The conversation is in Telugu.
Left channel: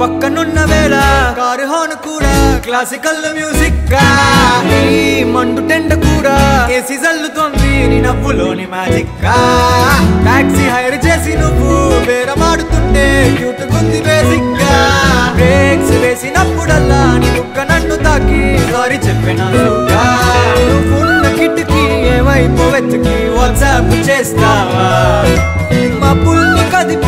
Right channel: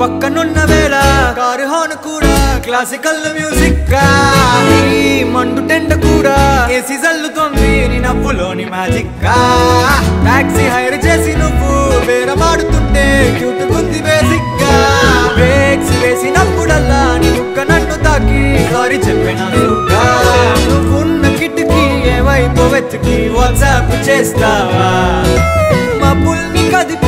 పక్కనున్న వేళ కారు హార్న్ కూడా క్లాసికల్ మ్యూజిక్ గా ఈ మండు టెండ కూడా ఏసీ జల్లుతోంది నీ నవ్వులోని మ్యాజిక్ గా టాక్సీ హైర్ చేసి నువ్వు బేరమాడుతుంటే క్యూట్ గుంది బేసిక్ గా బ్రేక్స్ వేసినప్పుడల్లా నీ బుగ్గ నన్ను తాకి సారీ చెప్పినానుగా నువ్వున్న కిటికీ ఏ వైపు వెతికి వాట్సాప్ చేస్తావా మబ్బుల్ని కదిపి